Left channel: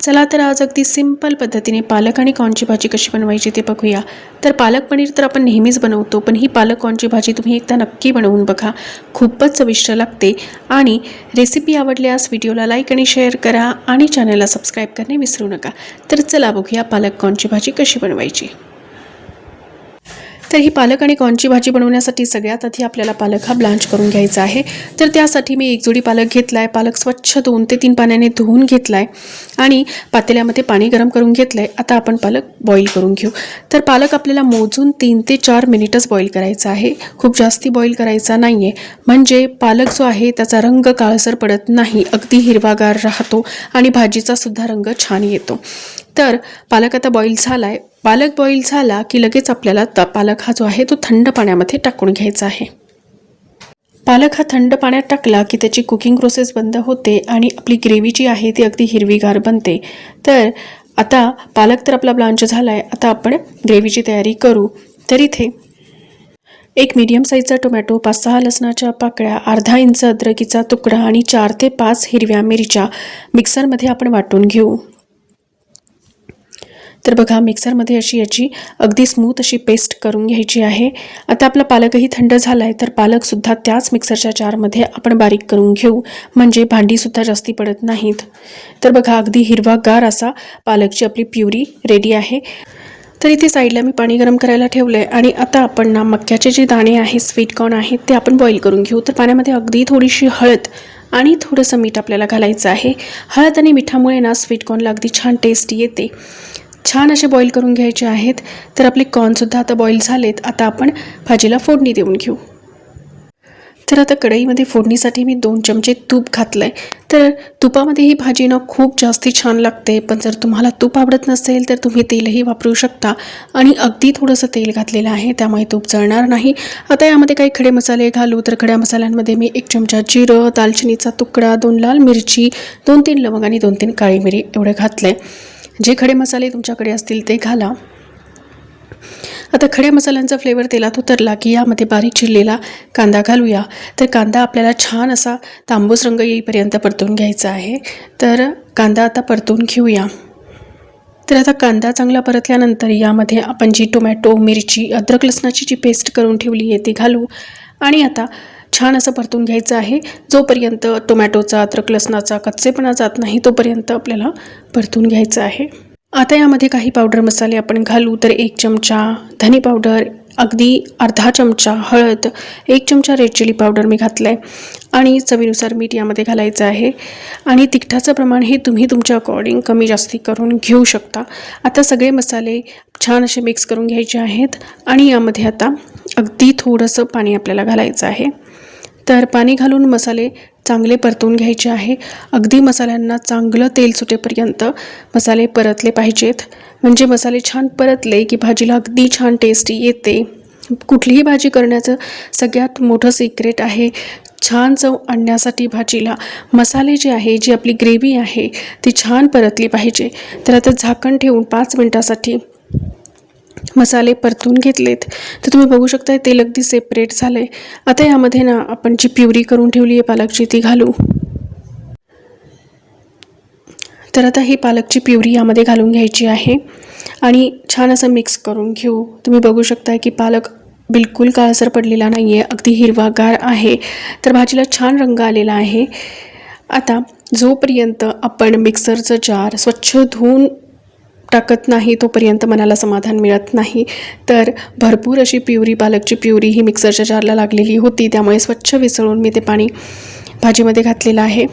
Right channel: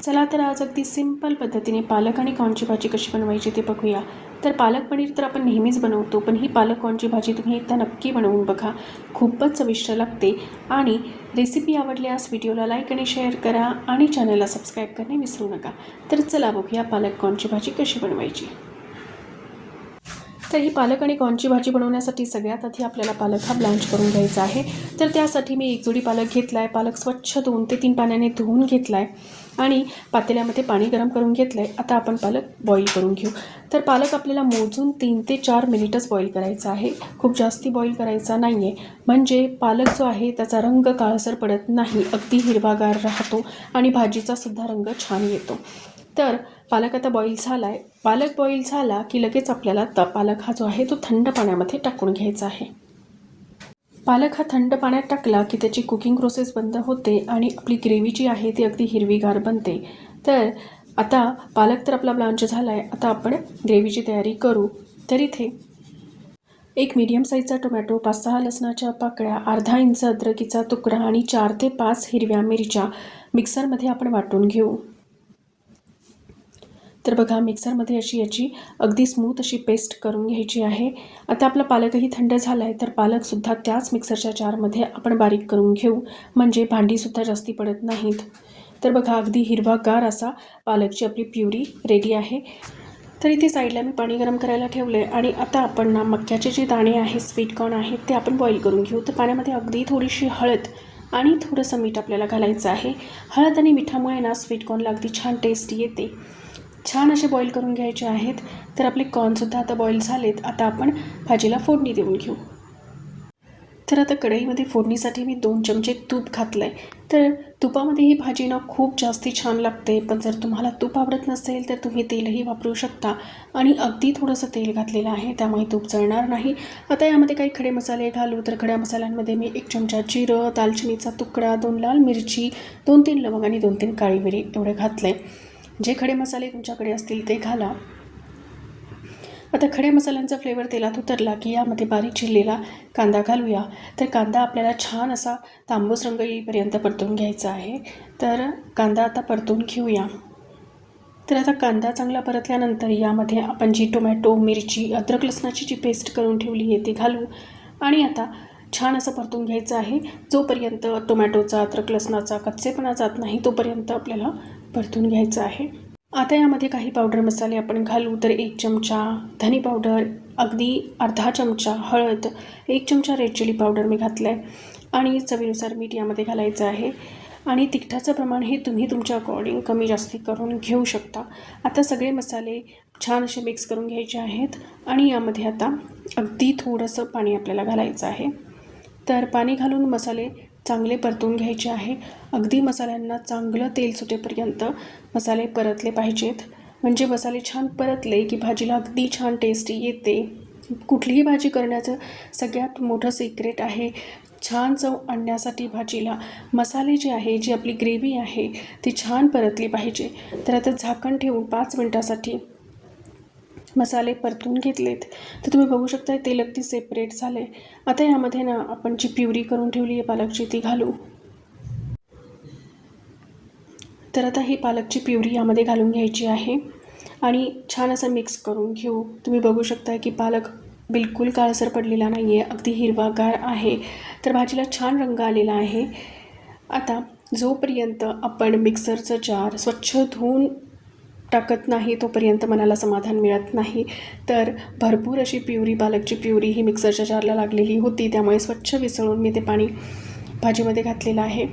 चला तर आज अगदी सिंपल पद्धतीने पालक आणि कॉर्नची भाजी कशी बनवायची ते बघूया। तर पालक पनीर तर आपण नेहमीच बनवतो, पण ही पालक कॉर्नची भाजी तुम्ही एकदा नक्की बनवून बघा, खूपच चविष्ट लागते। आणि रेसिपी आवडल्यास व्हिडिओला लाईक आणि शेअर करा आणि चॅनलला सबस्क्राईब करणे विसरू नका। तर चला बघूया पालक कॉर्नची भाजी कशी बनवायची। तर ही पालक आणि कॉर्नची भाजी बनवण्यासाठी सगळ्यात आधी आपल्याला पालक हा ब्लांच करून घ्यायचा आहे। तर त्यासाठी मी एक जोडी पालक घेतलाय। पालक स्वच्छ 2 ते 3 पाण्याने धुवून घेतलाय आणि पातेल्यामध्ये पाणी गरम करून घेतलंय। आता आपण पालक बॉईल करून घेऊ। तर पालक आपल्याला मोजून 3 ते 4 मिनिटच बॉईल करायचा आहे, खूप जास्ती बॉईल करायचा नाहीये, म्हणजे पालक जो आहे त्याचा रंग काळसर पडत नाही, अगदी हिरवागार राहतो आणि भाजीचा सुद्धा रंग छान येतो। तर पालक आता बॉईल झालाय। पालक बॉईल झाला की लगेच आपल्याला पालक हा जो आहे तो थंड पाण्यामध्ये टाकून घ्यायचा आहे। पालक हा थंड पाण्यात टाकला की त्याची कुकिंग प्रोसेस बंद होते आणि आपली ग्रेव्ही जी आहे ती अगदी हिरवीगार बनते। तर आता पालक तर आपला ब्लांच झालाय, आता आपण ग्रेव्हीची तयारी करू। तर इथे एक मीडियम साईजचा टोमॅटो, 5-6 लसणाच्या पाकळ्या, अर्धा इंच अद्रकीचा तुकडा आणि 4 ते 5 हिरव्या मिरच्या मिक्सरमध्ये आपण वाटून घेऊ। तर बघा मिक्सरमध्ये अशी याची अगदी स्मूथ अशी पेस्ट करून घ्यायची आहे। आता आपला पालकही थंड झाला आहे, तर पालकसुद्धा त्याच मिक्सरच्या जारमध्ये आपण बारीक करून घेऊ, म्हणजे भांडीसुद्धा जास्ती पडत नाहीत। तर बघा अगदी हिरवागार असा पालकची आपली प्युरी रेडी आहे। तर इथे साईडला मी पाणी गरम करायला ठेवलं आहे आणि आता आपण ना मक्याचे जे दाणे आहेत, स्वीट कॉर्न आहेत, ते आपण बॉईल करून घेऊ। तर पाण्यामध्ये अगदी थोडीशी हळद आणि थोडंसं मीठ आपल्याला घालायचं आहे। हळद आणि मिठामुळे ना स्वीट कॉर्नला अगदी छान टेस्ट येते। छान असे बॉईल करून घ्यायचे आहेत। तर आपले कॉर्नसुद्धा आता बॉईल झालेत। आता आपण भाजीला फोडणी देऊन घेऊ। तर आता कढईमध्ये फोडणीसाठी मी 2 चमचे तूप घातलं आहे। तर तुपामध्ये ही भाजी ना खूप जास्ती छान लागते, पण जर तुम्हाला तूप आवडत नसेल तर तुम्ही तेलही वापरू शकता आणि अगदी थोडंसं तेल घातलेलं आहे, त्यामुळे तूप जळणार नाही। आता यामध्ये काही खडे मसाले घालू। तर खड्या मसाल्यांमध्ये मी 1 चमचा जिरं, दालचिनीचा तुकडा, 2 लाल मिरची, 2-3 लवंग आणि 2-3 काळी मिरी एवढे घातलं आहे। जे खडे मसाले तुमच्याकडे असतील ते घाला। आता खड्या मसाल्यांचा फ्लेवर तेलात उतरला की यामध्ये बारीक चिरलेला कांदा घालूया। तर कांदा आपल्याला छान असा तांबूस रंग येईपर्यंत परतून घ्यायचा आहे। तर कांदा आता परतून घेऊया। तर आता कांदा चांगला परतल्यानंतर यामध्ये आपण जी टोमॅटो, मिरची, अद्रक लसणाची जी पेस्ट करून ठेवली आहे ती घालू आणि आता छान असं परतून घ्यायचं आहे। जोपर्यंत टोमॅटोचा, अद्रक लसणाचा कच्चेपणा जात नाही तोपर्यंत आपल्याला परतून घ्यायचं आहे। आता यामध्ये काही पावडर मसाले आपण घालू। तर 1 चमचा धनी पावडर, अगदी अर्धा चमचा हळद, 1 चमचा रेड चिली पावडर मी घातलं आहे आणि चवीनुसार मीठ यामध्ये घालायचं आहे। आणि तिखटाचं प्रमाण हे तुम्ही तुमच्या अकॉर्डिंग कमी जास्ती करून घेऊ शकता। आता सगळे मसाले छान असे मिक्स करून घ्यायचे आहेत आणि यामध्ये आता अगदी थोडंसं पाणी आपल्याला घालायचं आहे। तर पाणी घालून मसाले चांगले परतून घ्यायचे आहे। अगदी मसाल्यांना चांगलं तेल सुटेपर्यंत मसाले परतले पाहिजेत, म्हणजे मसाले छान परतले की भाजीला अगदी छान टेस्ट येते। कुठलीही भाजी करण्याचं सगळ्यात मोठं सिक्रेट आहे छान चव आणण्यासाठी भाजीला मसाले जे आहे, जी आपली ग्रेव्ही आहे ती छान परतली पाहिजे। तर आता झाकण ठेवून 5 मिनिटासाठी मसाले परतून घेतलेत। तर तुम्ही बघू शकता तेल अगदी सेपरेट झालंय। आता यामध्ये ना आपण जी प्युरी करून ठेवली आहे पालकची ती घालू। तर आता ही पालकची प्युरी यामध्ये घालून घ्यायची आहे आणि छान असं मिक्स करून घेऊ। तुम्ही बघू शकता की पालक बिलकुल काळसर पडलेला नाही आहे, अगदी हिरवागार आहे। तर भाजीला छान रंग आलेला आहे। आता जोपर्यंत आपण मिक्सरचं जार स्वच्छ धुवून टाकत नाही तोपर्यंत मनाला समाधान मिळत नाही। तर भरपूर अशी प्युरी, पालकची प्युरी ही मिक्सरच्या जारला लागलेली होती, त्यामुळे स्वच्छ विसळून मी ते पाणी भाजीमध्ये घातलेलं आहे।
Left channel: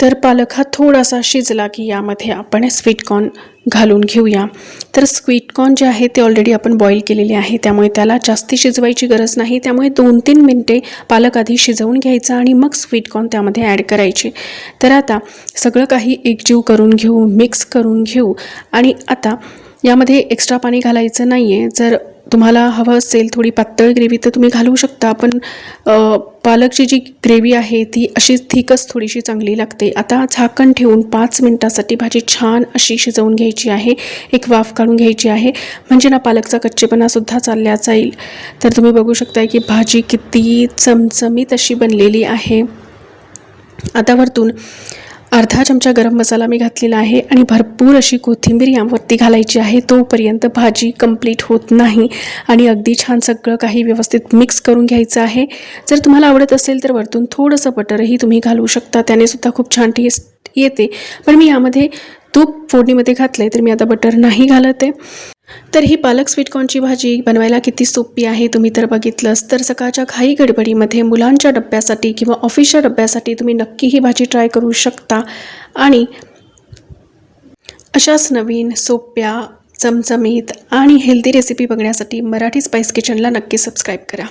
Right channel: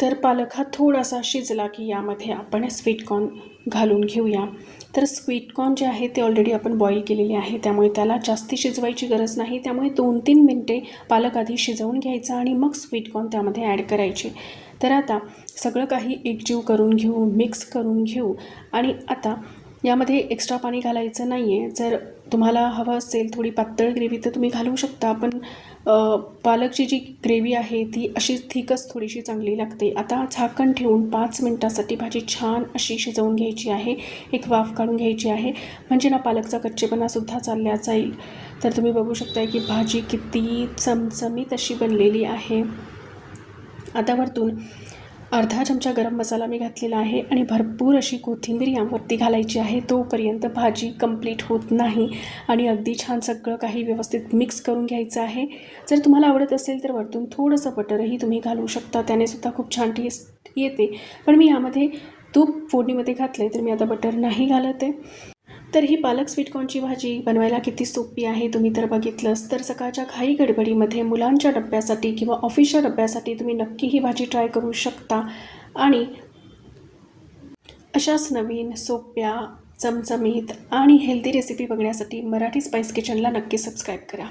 तर पालक हा थोडासा शिजला की यामध्ये आपण स्वीट कॉर्न घालून घेऊया। तर स्वीट कॉर्न जे आहे ते ऑलरेडी आपण बॉईल केलेले आहे, त्यामुळे त्याला जास्ती शिजवायची गरज नाही। त्यामुळे 2-3 मिनिटे पालक आधी शिजवून घ्यायचा आणि मग स्वीट कॉर्न त्यामध्ये ॲड करायचे। तर आता सगळं काही एकजीव करून घेऊ, मिक्स करून घेऊ आणि आता यामध्ये एक्स्ट्रा पाणी घालायचं नाही आहे। जर तुम्हाला हवं असेल थोडी पातळ ग्रेव्ही तर तुम्ही घालू शकता, पण पालकची जी ग्रेव्ही आहे ती अशी थिकच थोडीशी चांगली लागते। आता झाकण ठेवून 5 मिनिटासाठी भाजी छान अशी शिजवून घ्यायची आहे, एक वाफ काढून घ्यायची आहे, म्हणजे ना पालकचा कच्चेपणासुद्धा चालला जाईल। तर तुम्ही बघू शकता की भाजी किती चमचमीत अशी बनलेली आहे। आता वरतून अर्धा चमचा गरम मसाला मी घातलेला आहे आणि भरपूर अशी कोथिंबीर यावरती घालायची आहे. तोपर्यंत भाजी कंप्लीट होत नाही आणि अगदी छान सगळं काही व्यवस्थित मिक्स करून घ्यायचं आहे. जर तुम्हाला आवडत असेल तर वरतून थोडंसं बटरही तुम्ही घालू शकता, त्याने सुद्धा खूप छान टेस्ट येते. पण मी यामध्ये तूप फोडणीमध्ये घातलं आहे, तर मी आता बटर नाही घालत आहे. तर ही पालक स्वीटकॉर्नची भाजी बनवायला किती सोपी आहे तुम्ही तर बघितलंच. तर सकाळच्या घाई गडबडीमध्ये मुलांच्या डब्यासाठी किंवा ऑफिसच्या डब्यासाठी तुम्ही नक्की ही भाजी ट्राय करू शकता. आणि अशाच नवीन सोप्या चमचमीत आणि हेल्दी रेसिपी बघण्यासाठी मराठी स्पाइस किचनला नक्की सबस्क्राईब करा.